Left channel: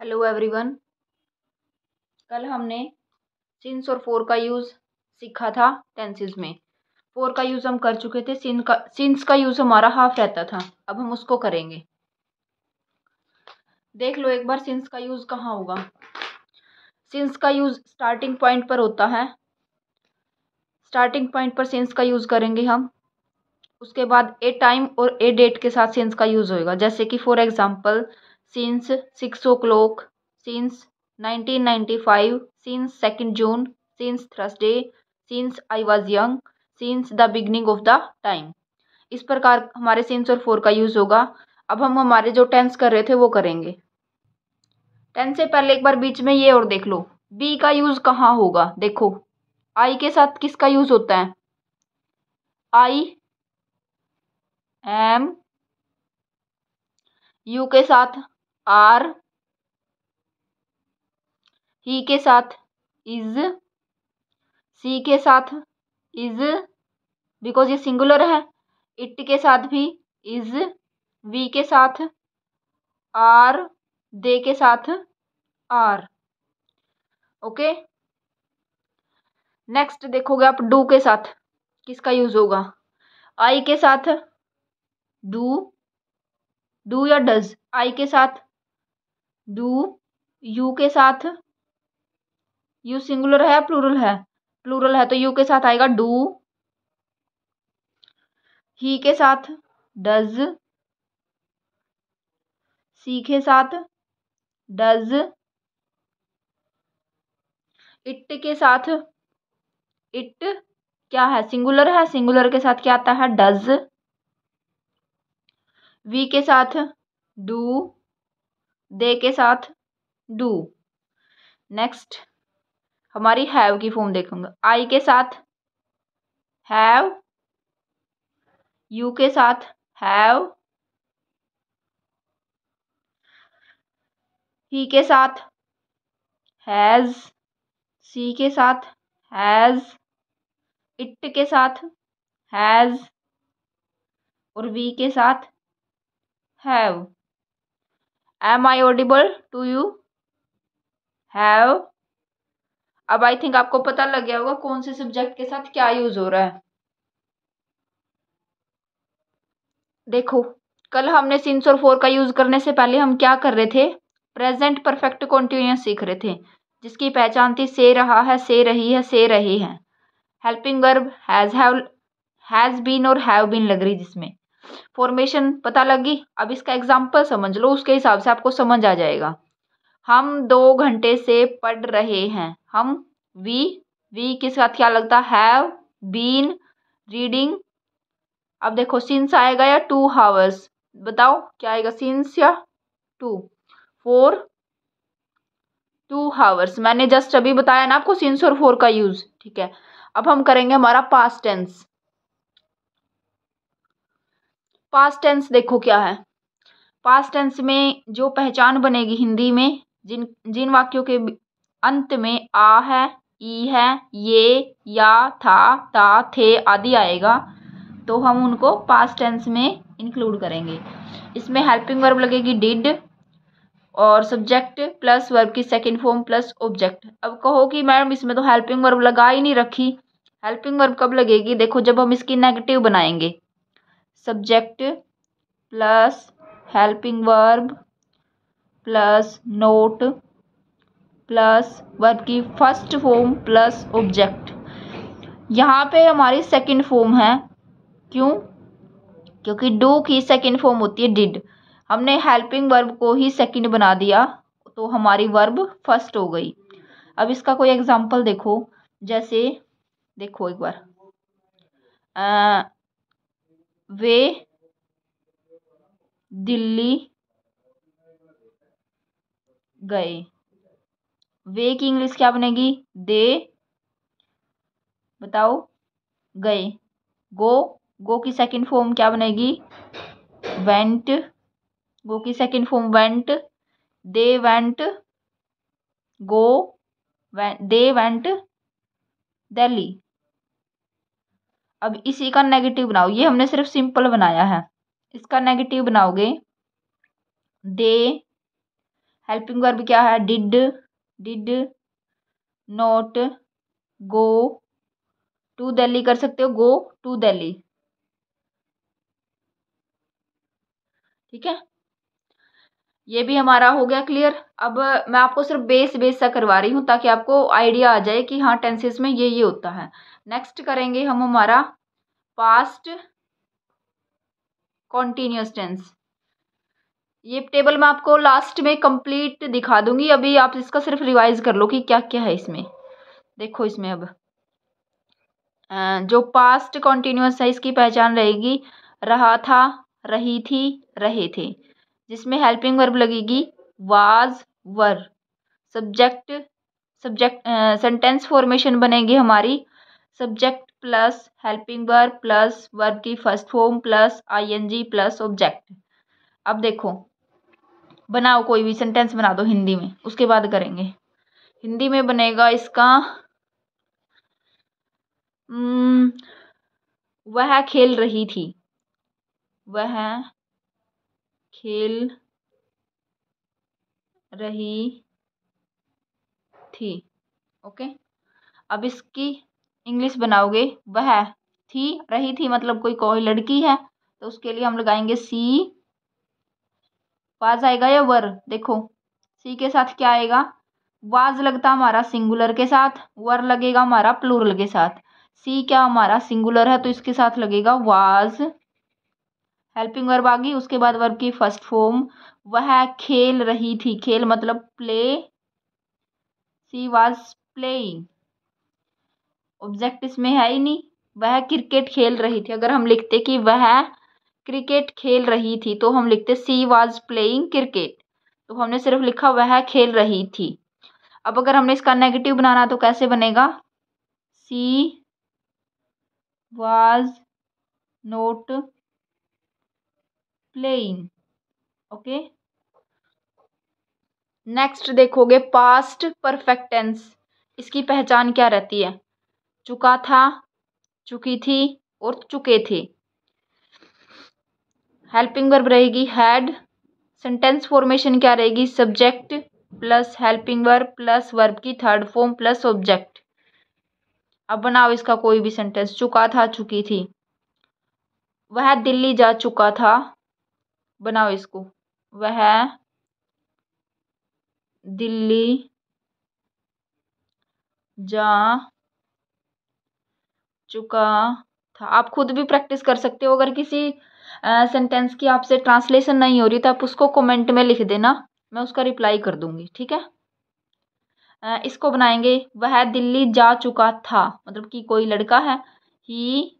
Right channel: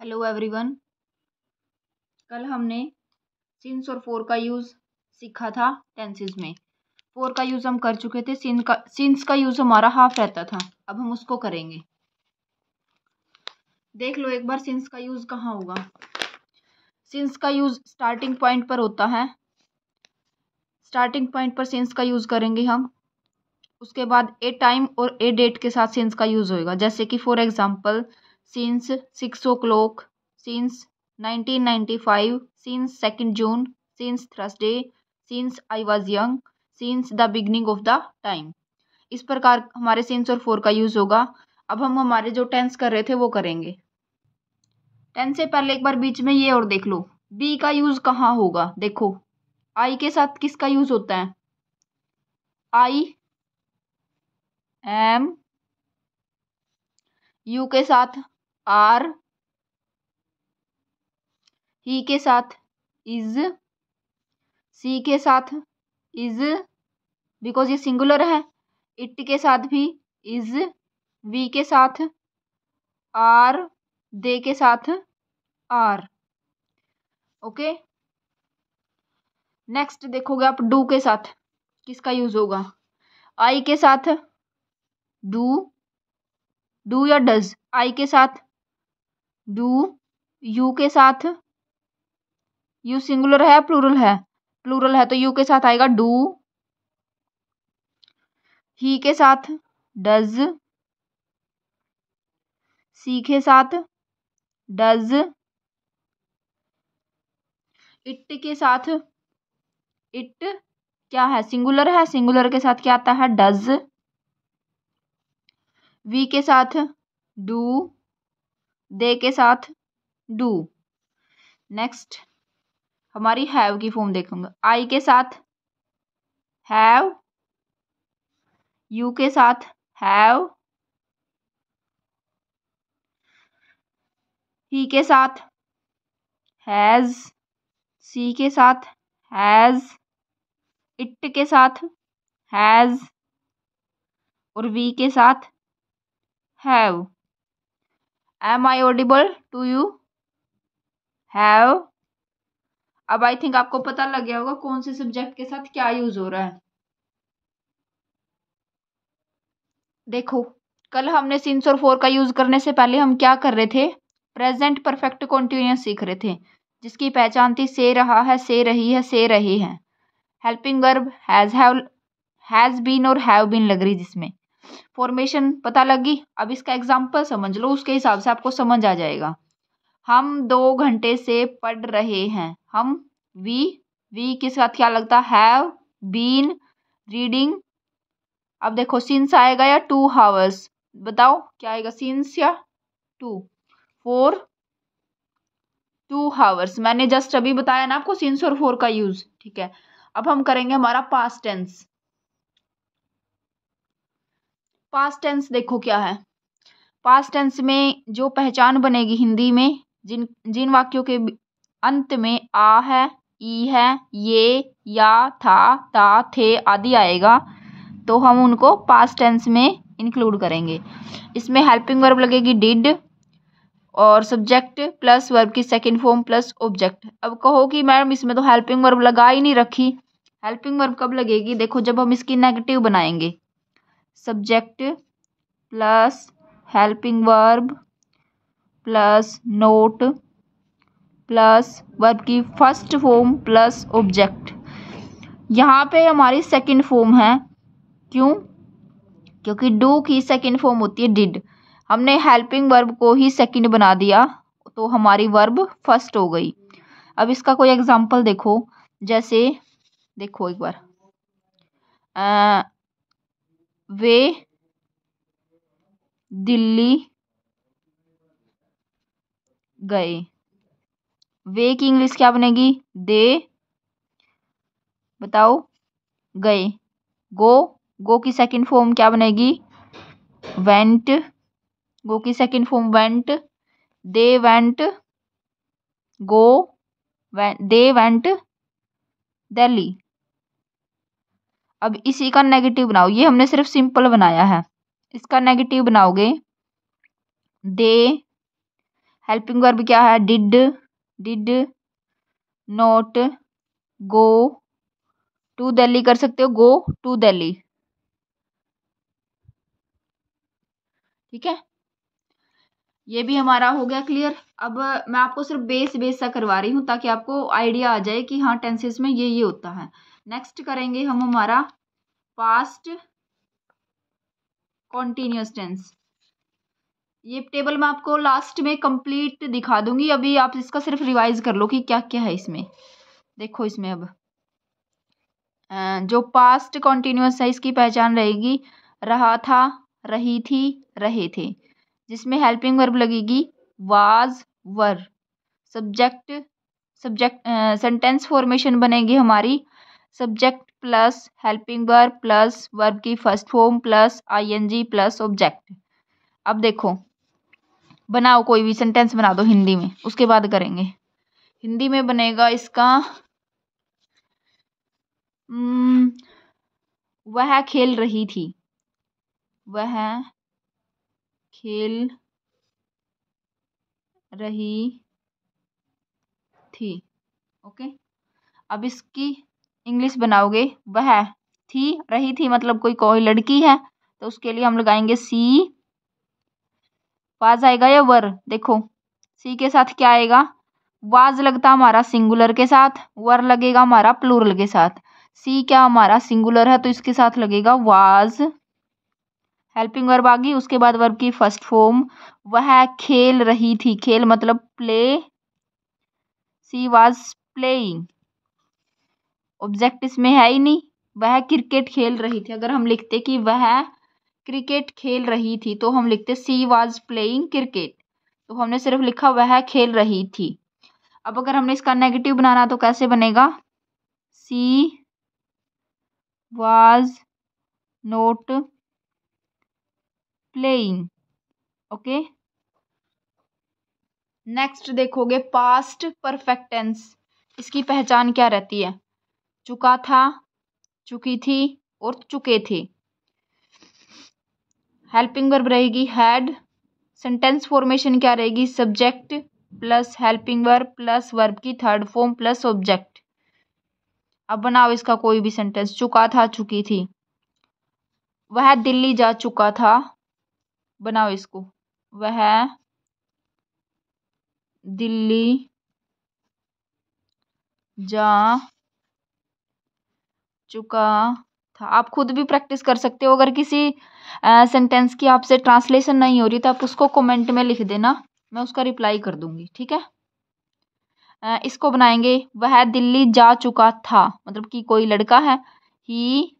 Hello everyone. कल हमने since और फोर का यूज़ सीखा था टेंसेस में। फोर का यूज़ हम कर चुके थे। सिंस का यूज़ हमारा हाफ रहता था, अब हम उसको करेंगे। देख लो एक बार सिंस का यूज़ कहाँ होगा। सिंस का यूज़ स्टार्टिंग पॉइंट पर होता है। स्टार्टिंग पॉइंट पर सिंस का यूज़ करेंगे हम। उसके बाद ए टाइम और ए डेट के साथ सिंस का यूज़ होएगा। जैसे कि for example since 6 o'clock, since 1995, since 2 June, since Thursday, since I was young, since the beginning of the time. इस प्रकार हमारे सिंस और फोर का यूज़ होगा। अब हम हमारे जो टेंस कर रहे थे वो करेंगे। टेंस से पहले एक बार बीच में ये और देख लो, बी का यूज़ कहाँ होगा। देखो आई के साथ किसका यूज़ होता है। आई एम, यू के साथ आर, ही के साथ इज, सी के साथ इज बिकॉज ये सिंगुलर है। इट के साथ भी इज, वी के साथ आर, दे के साथ आर। ओके, नेक्स्ट देखोगे आप डू के साथ किसका यूज होगा। आई के साथ डू, डू या डज। आई के साथ डू, यू के साथ, यू सिंगुलर है प्लूरल है, प्लूरल है तो यू के साथ आएगा डू। ही के साथ डज, सी के साथ डज, इट के साथ इट क्या है, सिंगुलर है, सिंगुलर के साथ क्या आता है डज। वी के साथ डू, दे के साथ डू। नेक्स्ट हमारी हैव की फॉर्म देखूंगा। आई के साथ हैव, यू के साथ हैव, ही के साथ हैज, सी के साथ हैज, इट के साथ हैज और वी के साथ have. Am I audible to you? Have. अब आई थिंक आपको पता लग गया होगा कौन से सब्जेक्ट के साथ क्या यूज हो रहा है। देखो कल हमने सिंस और फोर का यूज करने से पहले हम क्या कर रहे थे, प्रेजेंट परफेक्ट कॉन्टिन्यूअस सीख रहे थे, जिसकी पहचान थी से रहा है, से रही है, से रहे हैं। हेल्पिंग वर्ब हैज बीन और हैव बीन लग रही, जिसमें फॉर्मेशन पता लगी। अब इसका एग्जाम्पल समझ लो, उसके हिसाब से आपको समझ आ जाएगा। हम 2 घंटे से पढ़ रहे हैं। हम वी के साथ क्या लगता है, हैव बीन रीडिंग। अब देखो सिंस आएगा या 2 hours, बताओ क्या आएगा, सिंस या टू। फॉर 2 hours मैंने जस्ट अभी बताया ना आपको सिंस और फोर का यूज। ठीक है, अब हम करेंगे हमारा पास्ट टेंस। पास्ट टेंस देखो क्या है। पास्ट टेंस में जो पहचान बनेगी हिंदी में, जिन जिन वाक्यों के अंत में आ है, ई है, ये, या, था, ता, थे आदि आएगा, तो हम उनको पास्ट टेंस में इंक्लूड करेंगे। इसमें हेल्पिंग वर्ब लगेगी डिड और सब्जेक्ट प्लस वर्ब की सेकंड फॉर्म प्लस ऑब्जेक्ट। अब कहो कि मैडम इसमें तो हेल्पिंग वर्ब लगा ही नहीं रखी। हेल्पिंग वर्ब कब लगेगी, देखो जब हम इसकी नेगेटिव बनाएंगे। Subject plus helping verb plus note plus verb की फर्स्ट फॉर्म प्लस ऑब्जेक्ट। यहाँ पे हमारी सेकंड फॉर्म है, क्यों, क्योंकि डू की सेकंड फॉर्म होती है डिड। हमने हेल्पिंग वर्ब को ही सेकंड बना दिया तो हमारी वर्ब फर्स्ट हो गई। अब इसका कोई एग्जांपल देखो, जैसे देखो एक बार वे दिल्ली गए। वे की इंग्लिश क्या बनेगी, दे, बताओ, गए। गो, गो की सेकंड फॉर्म क्या बनेगी, वेंट। गो की second form went. They went go, they went Delhi. अब इसी का नेगेटिव बनाओ, ये हमने सिर्फ सिंपल बनाया है, इसका नेगेटिव बनाओगे दे हेल्पिंग वर्ब क्या है, did not go to Delhi कर सकते हो, गो टू दिल्ली। ठीक है, ये भी हमारा हो गया क्लियर। अब मैं आपको सिर्फ बेस सा करवा रही हूँ ताकि आपको आइडिया आ जाए कि हाँ टेंसेस में ये होता है। नेक्स्ट करेंगे हम हमारा पास्ट कॉन्टिन्यूस टेंस। ये टेबल मैं आपको लास्ट में कंप्लीट दिखा दूंगी, अभी आप इसका सिर्फ रिवाइज कर लो कि क्या क्या है इसमें। देखो इसमें अब जो पास्ट कॉन्टिन्यूस है इसकी पहचान रहेगी रहा था, रही थी, रहे थे, जिसमें हेल्पिंग वर्ब लगेगी was, were. Subject subject sentence formation बनेगी हमारी subject plus helping verb plus verb की first form plus ING plus object. अब देखो बनाओ, कोई भी सेंटेंस बना दो हिंदी में, उसके बाद करेंगे। हिंदी में बनेगा इसका वह खेल रही थी, वह खेल रही थी। ओके, अब इसकी इंग्लिश बनाओगे, वह थी, रही थी मतलब कोई लड़की है, तो उसके लिए हम लगाएंगे सी। वाज आएगा या वर, देखो सी के साथ क्या आएगा, वाज लगता हमारा सिंगुलर के साथ, वर लगेगा हमारा प्लूरल के साथ। सी क्या हमारा सिंगुलर है तो इसके साथ लगेगा वाज। हेल्पिंग वर्ब आ गई, उसके बाद वर्ब की फर्स्ट फॉर्म, वह खेल रही थी, खेल मतलब play, she was playing. Object इसमें है ही नहीं, वह क्रिकेट खेल रही थी। अगर हम लिखते कि वह क्रिकेट खेल रही थी तो हम लिखते सी वाज प्लेइंग क्रिकेट, तो हमने सिर्फ लिखा वह खेल रही थी। अब अगर हमने इसका नेगेटिव बनाना तो कैसे बनेगा, she was note playing. Okay, next देखोगे पास्ट परफेक्ट टेंस, इसकी पहचान क्या रहती है, चुका था, चुकी थी और चुके थे। हेल्पिंग वर्ब रहेगी हैड, सेंटेंस फॉर्मेशन क्या रहेगी, subject plus helping verb plus verb की थर्ड फॉर्म प्लस ऑब्जेक्ट। अब बनाओ इसका कोई भी सेंटेंस, चुका था, चुकी थी, वह दिल्ली जा चुका था, बनाओ इसको, वह दिल्ली जा चुका था। आप खुद भी प्रैक्टिस कर सकते हो, अगर किसी सेंटेंस की आपसे ट्रांसलेशन नहीं हो रही तो आप उसको कमेंट में लिख देना, मैं उसका रिप्लाई कर दूंगी। ठीक है, इसको बनाएंगे, वह दिल्ली जा चुका था मतलब कि कोई लड़का है, ही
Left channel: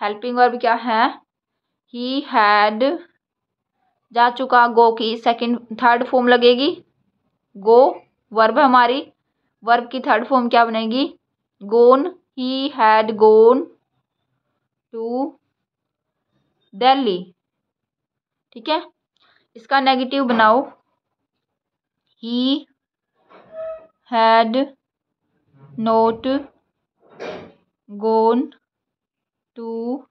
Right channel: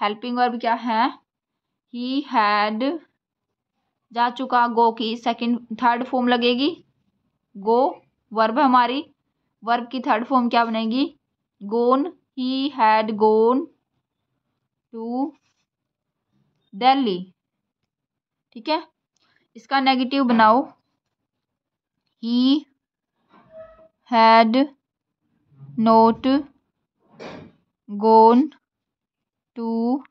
हेल्पिंग वर्ब क्या है, ही हैड, जा चुका गो की सेकंड थर्ड फॉर्म लगेगी गो, वर्ब हमारी, वर्ब की थर्ड फॉर्म क्या बनेगी gone, he had gone to Delhi. ठीक है, इसका नेगेटिव बनाओ, he had not gone to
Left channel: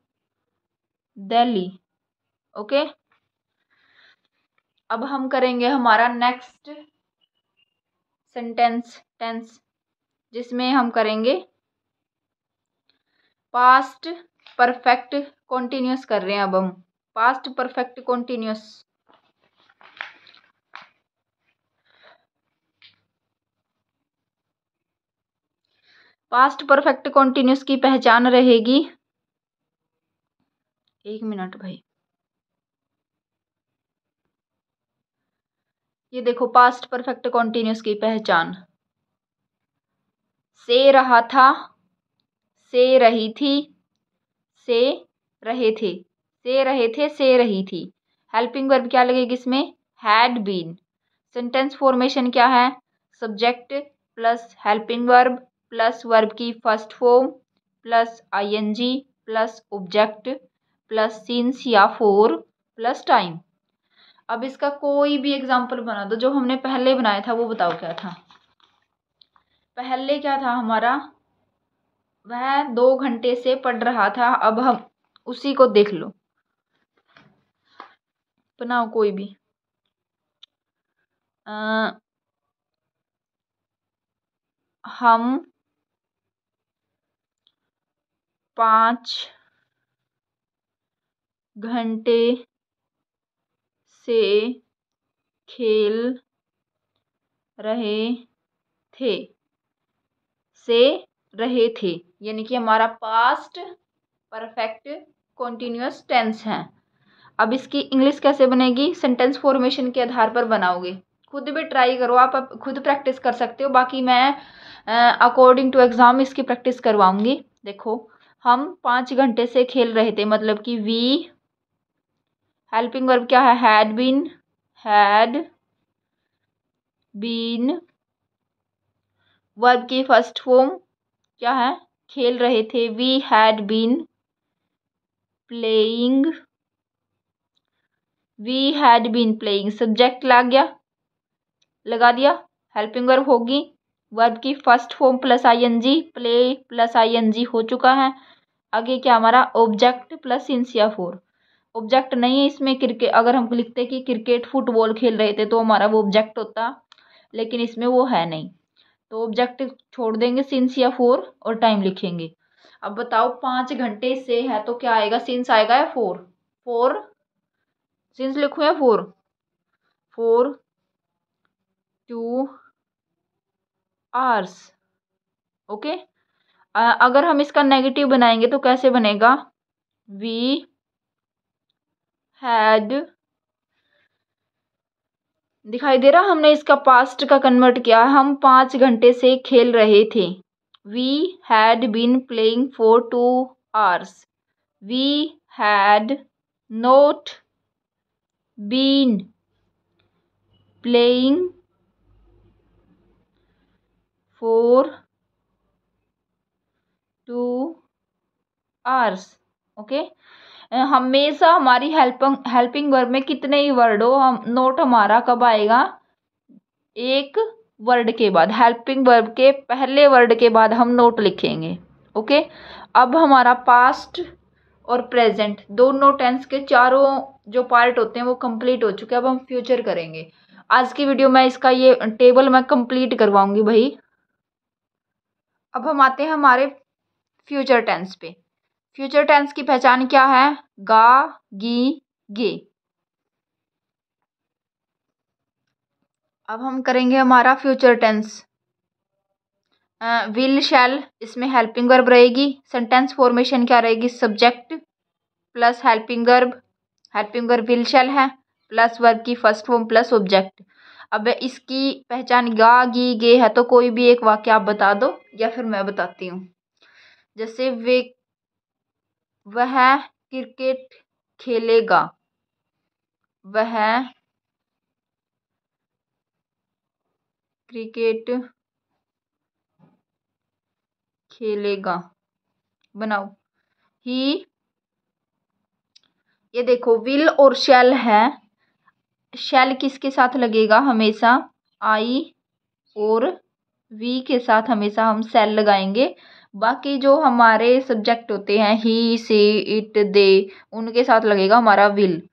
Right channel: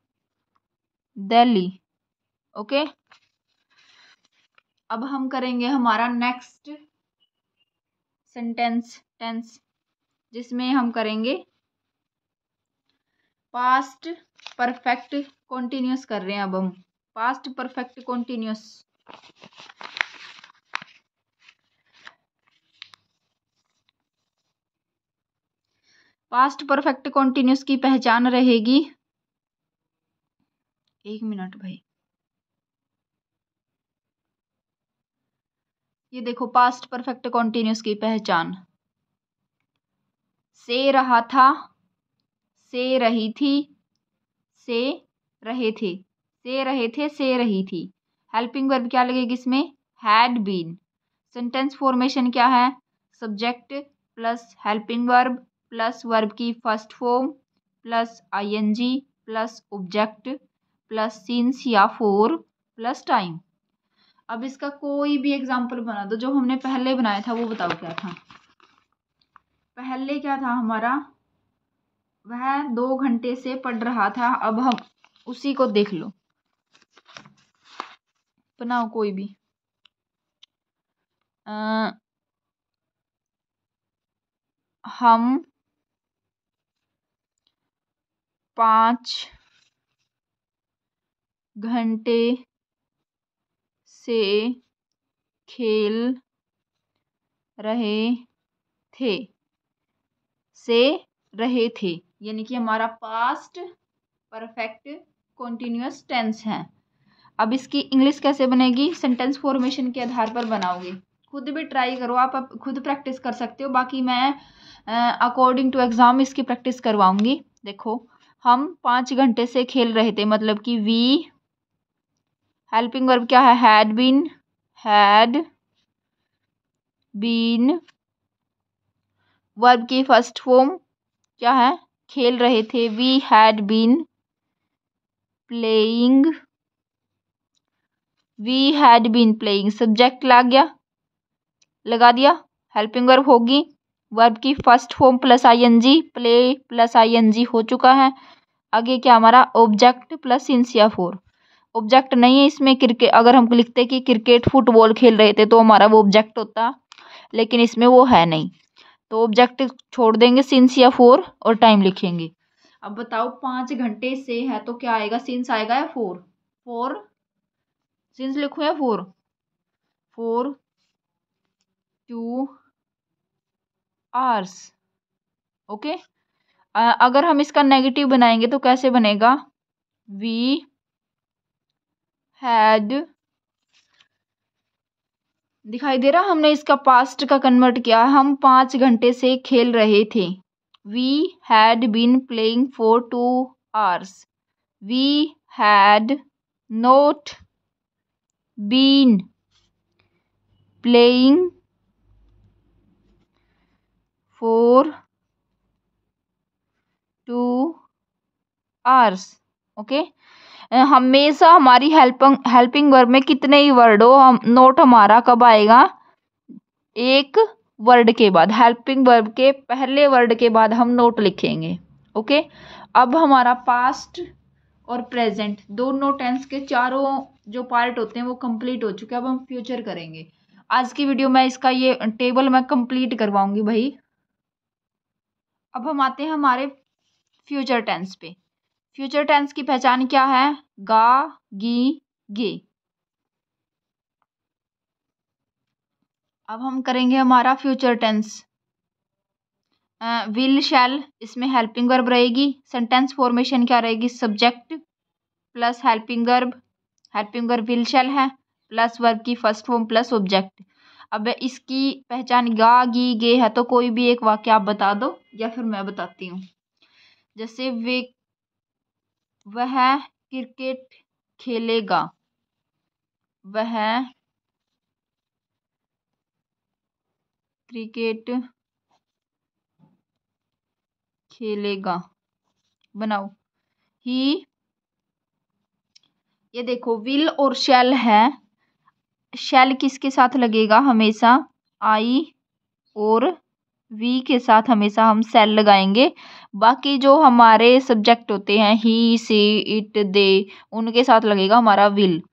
Delhi. Okay, अब हम करेंगे हमारा नेक्स्ट सेंटेंस टेंस, जिसमें हम करेंगे पास्ट परफेक्ट कॉन्टिन्यूस कर रहे हैं। अब हम past perfect continuous, past perfect continuous की पहचान रहेगी, एक मिनट भाई, ये देखो पास्ट परफेक्ट कॉन्टिन्यूस की पहचान, से रहा था, से रही थी, से रहे थे, से रहे थे, से रही थी। हेल्पिंग वर्ब क्या लगेगी इसमें, हैड बीन। सेंटेंस फॉर्मेशन क्या है, subject plus helping verb plus verb की first form plus ING plus object plus since या फॉर प्लस टाइम। अब इसका कोई भी एग्जाम्पल बना दो, जो हमने पहले बनाया था वो बताओ क्या था। पहले क्या था हमारा, वह 2 घंटे से पढ़ रहा था, अब हम उसी को देख लो, बनाओ कोई भी। हम 5 घंटे से खेल रहे थे। से रहे थे यानी कि हमारा पास्ट परफेक्ट कॉन्टिन्यूअस टेंस है। अब इसकी इंग्लिश कैसे बनेगी, सेंटेंस फॉर्मेशन के आधार पर बनाओगे। खुद भी ट्राई करो, आप खुद प्रैक्टिस कर सकते हो, बाकी मैं अकॉर्डिंग टू एग्ज़ाम इसकी प्रैक्टिस करवाऊंगी। देखो, हम 5 घंटे से खेल रहे थे, मतलब कि वी, हेल्पिंग वर्ब क्या है, हैड बीन, वर्ब की फर्स्ट फॉर्म क्या है, खेल रहे थे, we had been playing, subject लगा दिया, हेल्पिंग वर्ब होगी, वर्ब की first form plus ING, play plus ING हो चुका है। आगे क्या हमारा, ऑब्जेक्ट प्लस सिंस या फोर। ऑब्जेक्ट नहीं है इसमें, क्रिकेट अगर हम लिखते कि क्रिकेट फुटबॉल खेल रहे थे तो हमारा वो ऑब्जेक्ट होता, लेकिन इसमें वो है नहीं, तो ऑब्जेक्ट छोड़ देंगे, सिंस या फोर और टाइम लिखेंगे। अब बताओ 5 घंटे से है तो क्या आएगा, सिंस आएगा या फोर सिंस लिखूं या फोर 2 आवर्स। ओके, अगर हम इसका नेगेटिव बनाएंगे तो कैसे बनेगा, वी हैड, दिखाई दे रहा, हमने इसका पास्ट का कन्वर्ट किया, हम 5 घंटे से खेल रहे थे, we had been playing for 2 hours, we had not been playing for 2 hours. Okay, हमेशा हमारी हेल्पिंग वर्ब में कितने ही वर्ड हो, हम नोट हमारा कब आएगा, एक वर्ड के बाद, हेल्पिंग वर्ब के पहले वर्ड के बाद हम नोट लिखेंगे। ओके, अब हमारा पास्ट और प्रेजेंट दोनों टेंस के चारों जो पार्ट होते हैं वो कंप्लीट हो चुके हैं। अब हम फ्यूचर करेंगे। आज की वीडियो में इसका ये टेबल मैं कंप्लीट करवाऊंगी भाई। अब हम आते हैं हमारे फ्यूचर टेंस पे। फ्यूचर टेंस की पहचान क्या है, गा, गी, गे। अब हम करेंगे हमारा फ्यूचर टेंस। विल, शैल, इसमें हेल्पिंग वर्ब रहेगी। सेंटेंस फॉर्मेशन क्या रहेगी, subject plus helping verb will शैल है, प्लस वर्ब की फर्स्ट फॉर्म प्लस ऑब्जेक्ट। अब इसकी पहचान गा, गी, गे है, तो कोई भी एक वाक्य आप बता दो या फिर मैं बताती हूँ। जैसे वह क्रिकेट खेलेगा, वह क्रिकेट खेलेगा, बनाओ ही, ये देखो विल और शैल है, शैल किसके साथ लगेगा, हमेशा आई और वी के साथ हमेशा हम सेल लगाएंगे। बाकी जो हमारे सब्जेक्ट होते हैं ही, सी, इट, दे, उनके साथ लगेगा हमारा विल।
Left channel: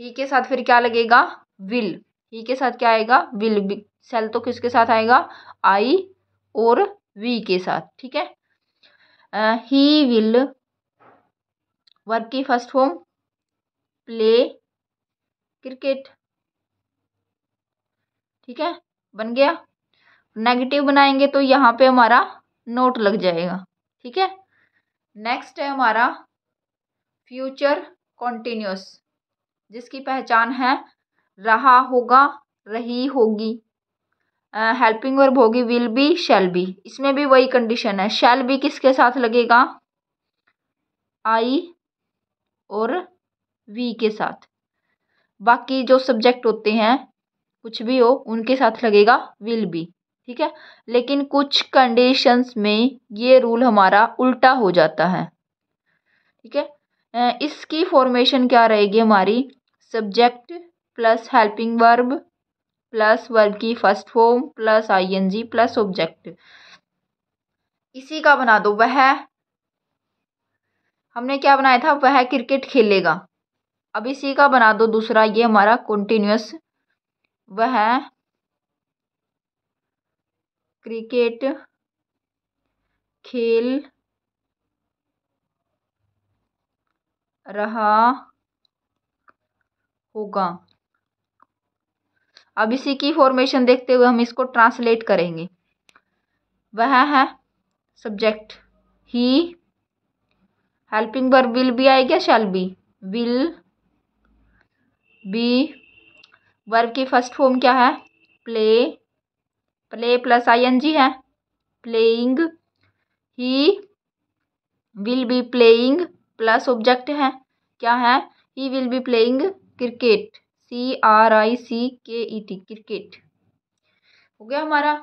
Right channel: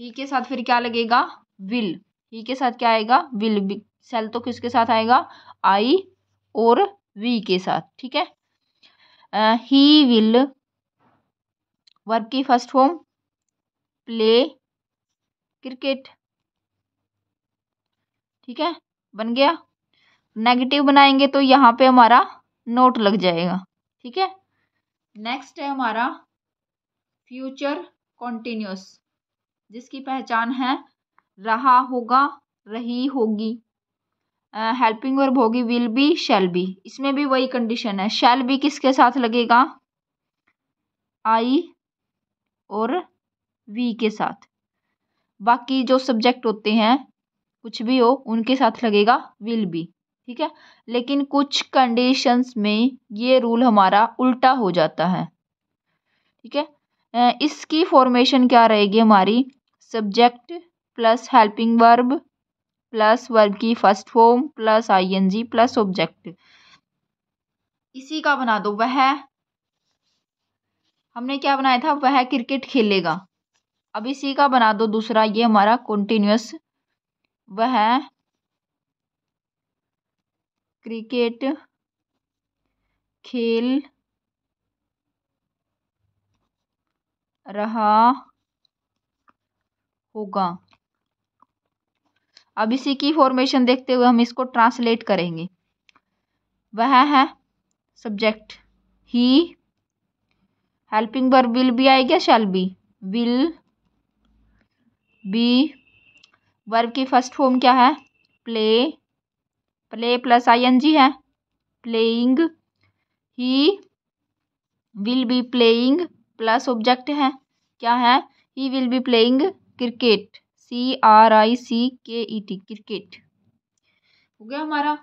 ही के साथ फिर क्या लगेगा, विल, ही के साथ क्या आएगा, विल। सेल तो किसके साथ आएगा, आई और वी के साथ। ठीक है, ही विल, वर्ब की फर्स्ट फॉर्म प्ले क्रिकेट। ठीक है, बन गया। नेगेटिव बनाएंगे तो यहाँ पे हमारा नोट लग जाएगा। ठीक है, नेक्स्ट है हमारा फ्यूचर कॉन्टिन्यूअस, जिसकी पहचान है रहा होगा, रही होगी, हेल्पिंग वर्ब होगी विल बी, शैल बी। इसमें भी वही कंडीशन है, शैल बी किसके साथ लगेगा, आई और वी के साथ। बाकी जो सब्जेक्ट होते हैं कुछ भी हो उनके साथ लगेगा विल बी। ठीक है, लेकिन कुछ कंडीशंस में ये रूल हमारा उल्टा हो जाता है। ठीक है, इसकी फॉर्मेशन क्या रहेगी हमारी, subject plus helping verb plus verb की first form plus ING plus object. इसी का बना दो, वह, हमने क्या बनाया था, वह क्रिकेट खेलेगा। अब इसी का बना दो दूसरा, ये हमारा कॉन्टिन्यूअस, वह क्रिकेट खेल रहा होगा। अब इसी की फॉर्मेशन देखते हुए हम इसको ट्रांसलेट करेंगे। वह है subject, he, helping verb will be आएगा, shall be, will be, verb की फर्स्ट फॉर्म क्या है, प्ले, प्ले प्लस आईएनजी है, playing, he will be playing plus object है, क्या है, he will be playing cricket, CRICKET, cricket. हो गया हमारा।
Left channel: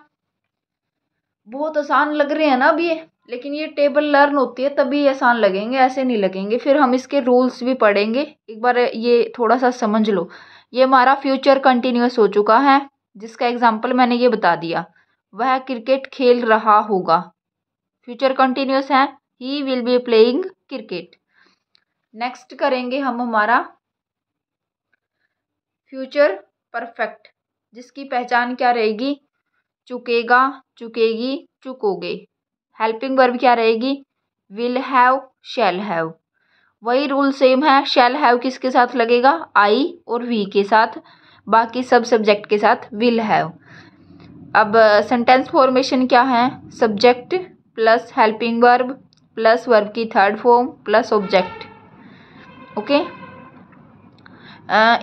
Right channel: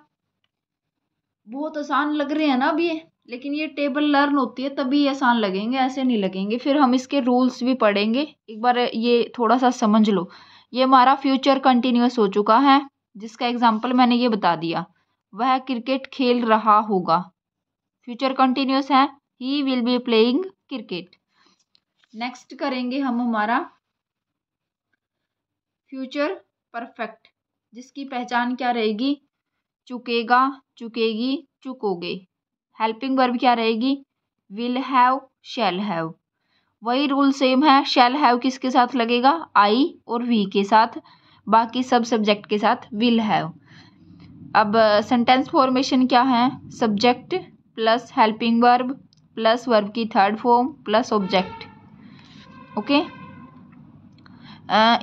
बहुत आसान लग रहे हैं ना अब ये, लेकिन ये टेबल लर्न होती है तभी आसान लगेंगे, ऐसे नहीं लगेंगे। फिर हम इसके रूल्स भी पढ़ेंगे, एक बार ये थोड़ा सा समझ लो। ये हमारा फ्यूचर कंटिन्यूअस हो चुका है, जिसका एग्जाम्पल मैंने ये बता दिया। वह क्रिकेट खेल रहा होगा, फ्यूचर कंटिन्यूअस है, he will be playing cricket. Next करेंगे हम हमारा फ्यूचर परफेक्ट, जिसकी पहचान क्या रहेगी, चुकेगा, चुकेगी, चुकोगे। हेल्पिंग वर्ब क्या रहेगी, विल हैव, शैल हैव। वही रूल सेम है, शैल हैव किसके साथ लगेगा, आई और वी के साथ, बाकी सब सब्जेक्ट के साथ विल हैव। अब सेंटेंस फॉर्मेशन क्या है, subject plus helping verb plus verb की third form plus object. Okay,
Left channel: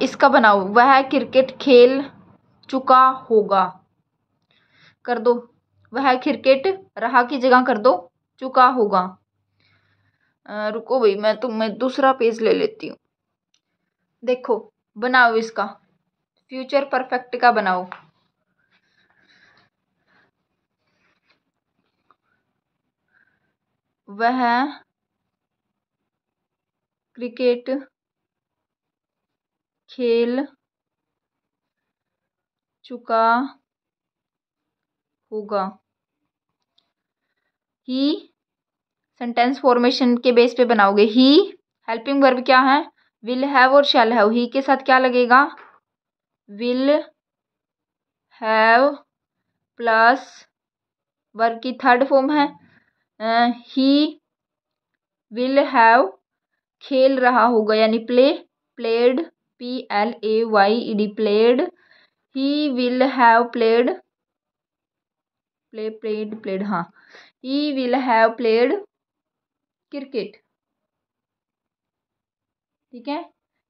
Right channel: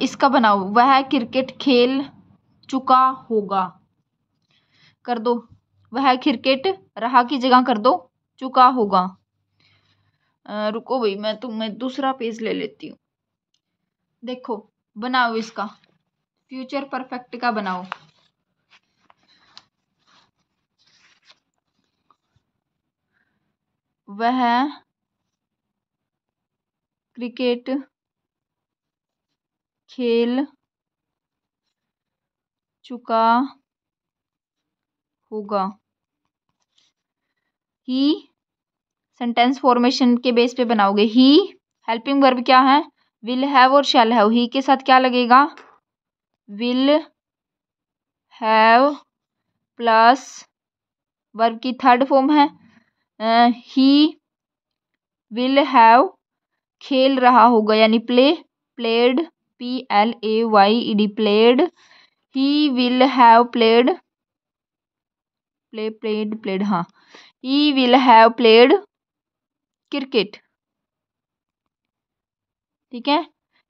इसका बनाओ, वह क्रिकेट खेल चुका होगा, कर दो, वह क्रिकेट रहा की जगह कर दो चुका होगा। रुको भाई, मैं तुम्हें दूसरा पेज ले लेती हूँ। देखो बनाओ इसका, फ्यूचर परफेक्ट का बनाओ। वह क्रिकेट खेल चुका होगा, ही सेंटेंस फॉर्मेशन के बेस पे बनाओगे। ही हेल्पिंग वर्ब क्या है, विल हैव और शैल हैव, ही के साथ क्या लगेगा, विल हैव प्लस वर्ब की थर्ड फॉर्म है, ही विल हैव खेल रहा होगा यानी play, played, PLAYED, played, he will have played, played हाँ, he will have played cricket. ठीक है,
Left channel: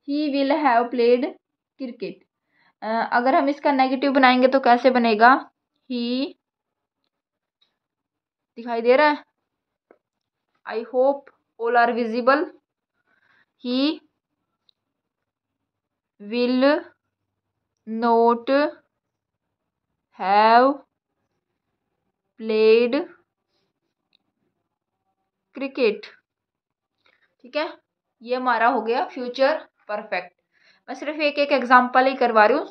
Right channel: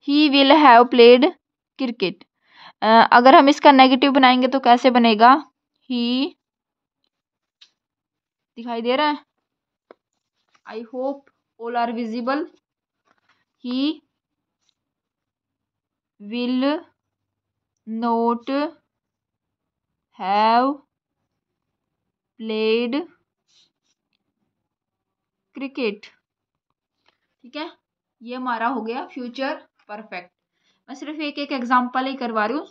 he will have played cricket. अगर हम इसका नेगेटिव बनाएंगे तो कैसे बनेगा, ही, दिखाई दे रहा है, I hope all are visible, he will not have played cricket. ठीक है, ये हमारा हो गया फ्यूचर परफेक्ट। मैं सिर्फ एक एक एग्जांपल ही करवा रही हूँ,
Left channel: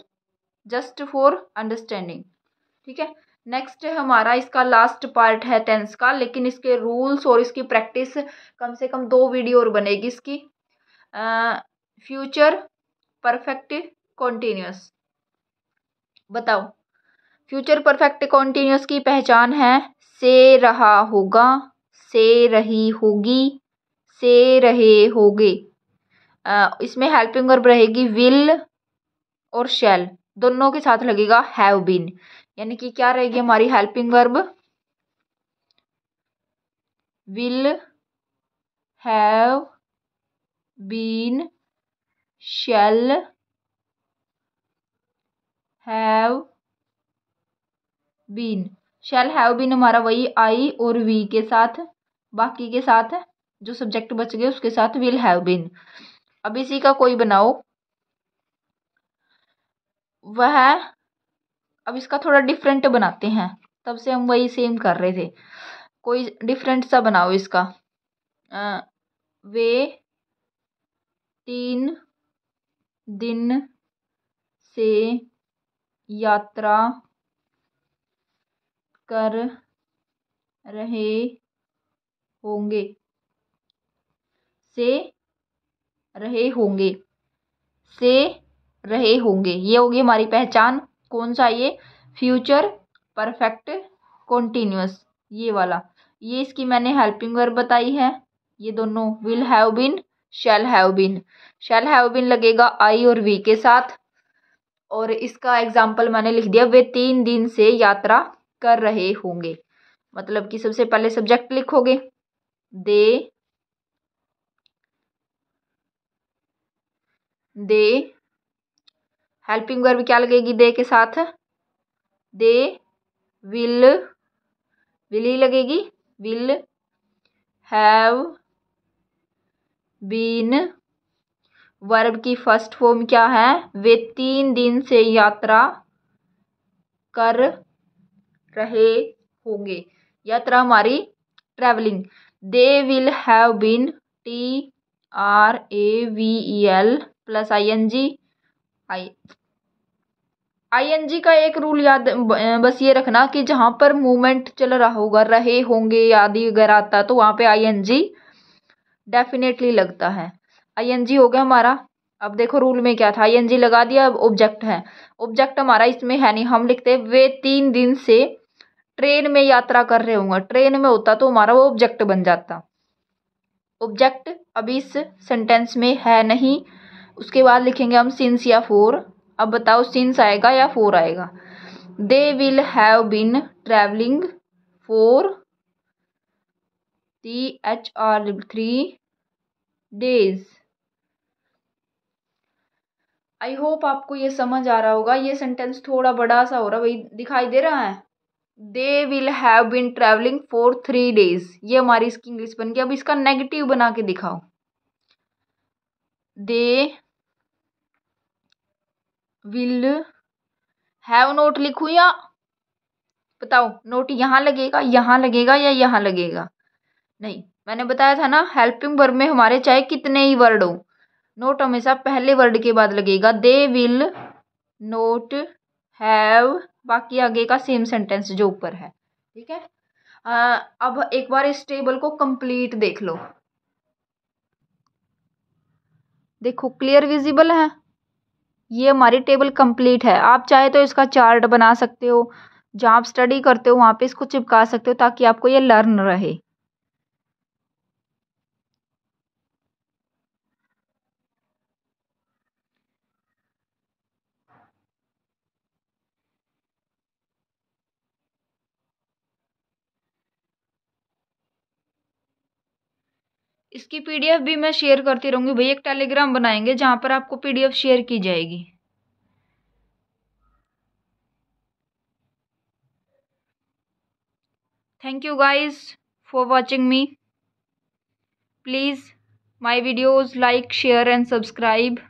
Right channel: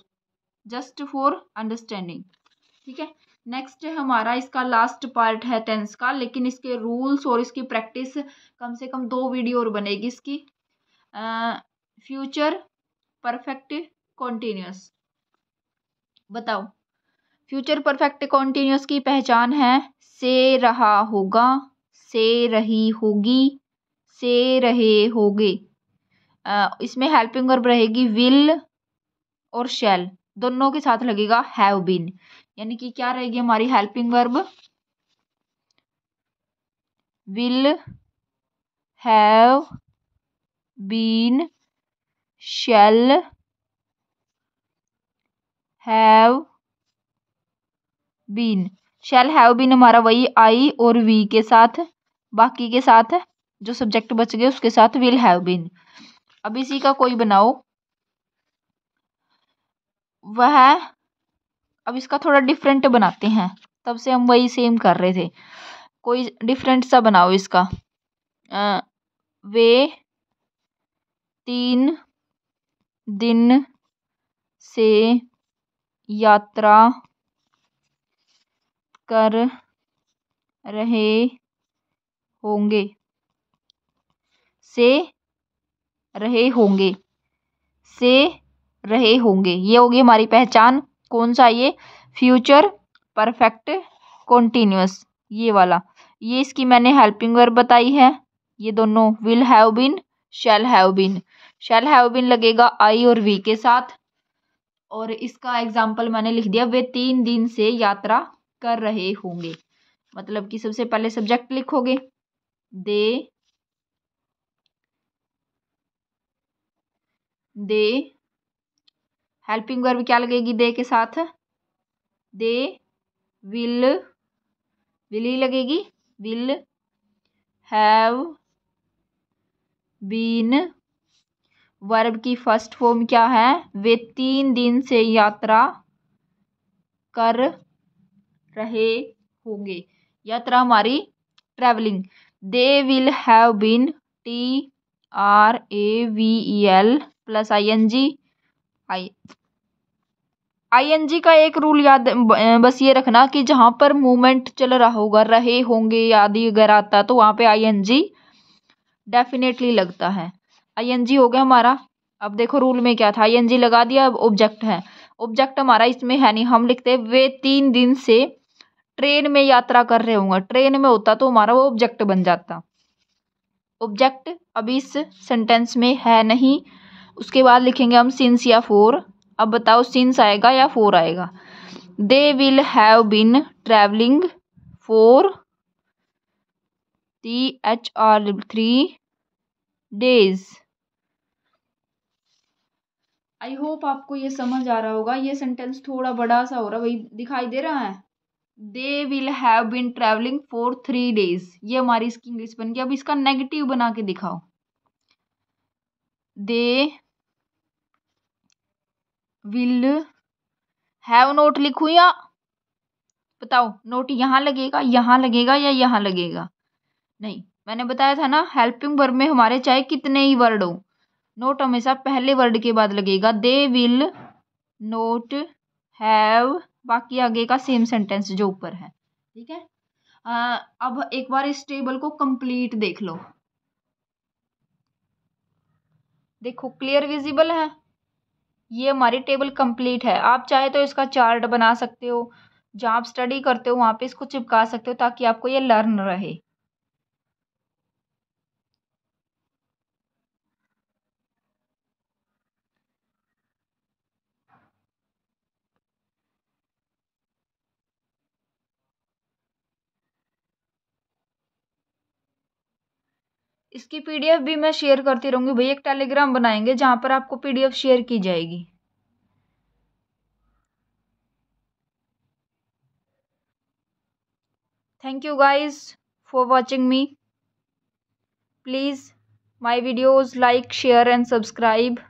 जस्ट फॉर अंडरस्टैंडिंग। ठीक है, नेक्स्ट हमारा इसका लास्ट पार्ट है टेंस का, लेकिन इसके रूल्स और इसकी प्रैक्टिस कम से कम 2 वीडियो और बनेगी इसकी। फ्यूचर परफेक्ट कॉन्टिन्यूस, बताओ। फ्यूचर परफेक्ट कॉन्टिन्यूस की पहचान है, से रहा होगा, से रही होगी, से रहे होगे। इसमें हेल्पिंग वर्ब रहेगी विल और शैल, दोनों के साथ लगेगा हैव बीन, यानी कि क्या रहेगी हमारी helping verb, will have been, shall have been. Shall have been हमारा वही आई और वी के साथ, बाकी के साथ जो सब्जेक्ट बच गए उसके साथ विल हैव बीन। अब इसी का कोई बनाओ, वह, अब इसका थोड़ा डिफरेंट बनाते हैं, तब से हम वही सेम कर रहे थे, कोई डिफरेंट सा बनाओ इसका। वे 3 दिन से यात्रा कर रहे होंगे, से रहे होंगे, से रहे होंगे, ये होगी हमारी पहचान। कौन सा, ये फ्यूचर परफेक्ट कॉन्टीन्यूअस, ये वाला, ये इसकी मैंने हेल्पिंग वर्ब बताई है। ये दोनों will have been, shall have been. Shall have been लगेगा आई और वी के साथ। और इसका एग्जाम्पल मैंने लिख दिया, वे 3 दिन से यात्रा कर रहे होंगे। मतलब कि सबसे पहले सब्जेक्ट लिखोगे, दे, दे, हेल्पिंग वर्ब क्या लगेगी दे के साथ, दे विल, विल ही लगेगी, विल हैव बीन। वर्ब की फर्स्ट फॉर्म क्या है, वे 3 दिन से यात्रा कर रहे होंगे। यात्रा हमारी travelling. They will have been, TRAVEL plus ING। ING का एक रूल याद, बस ये रखना कि जहां पर मूवमेंट चल रहा होगा, रहे होंगे आदि अगर आता तो वहां पे ING डेफिनेटली लगता है। ING हो गया हमारा। अब देखो रूल में क्या था, ING लगा दिया, अब ऑब्जेक्ट है। ऑब्जेक्ट हमारा इसमें है नहीं, हम लिखते वे 3 दिन से ट्रेन में यात्रा कर रहे होंगे। ट्रेन में होता तो हमारा वो ऑब्जेक्ट बन जाता। ऑब्जेक्ट अभी इस सेंटेंस में है नहीं। उसके बाद लिखेंगे हम सिंस या फॉर। अब बताओ सिंस आएगा या फॉर आएगा। They will have been travelling for THR 3 days। I hope आपको ये समझ आ रहा होगा। ये सेंटेंस थोड़ा बड़ा सा हो रहा है भाई, दिखाई दे रहा है। They will have been travelling for 3 days, ये हमारी इसकी इंग्लिश बन गई। अब इसका नेगेटिव बना के दिखाओ। दे विल हैव नोट लिखूं या बताओ, नोट यहाँ लगेगा, यहाँ लगेगा या यहाँ लगेगा? नहीं, मैंने बताया था ना हेल्पिंग वर्ब में हमारे चाहे कितने ही वर्ड हो, नोट हमेशा पहले वर्ड के बाद लगेगा। दे विल नोट हैव, बाकी आगे का सेम सेंटेंस जो ऊपर है, ठीक है। अब एक बार इस टेबल को कंप्लीट देख लो। देखो क्लियर विजिबल है, ये हमारी टेबल कंप्लीट है। आप चाहे तो इसका चार्ट बना सकते हो, जहाँ आप स्टडी करते हो वहाँ पे इसको चिपका सकते हो ताकि आपको ये लर्न रहे। इसकी PDF भी मैं शेयर करती रहूंगी भाई। एक टेलीग्राम बनाएंगे जहाँ पर आपको PDF शेयर की जाएगी। Thank you guys for watching me. Please my videos like, share and subscribe.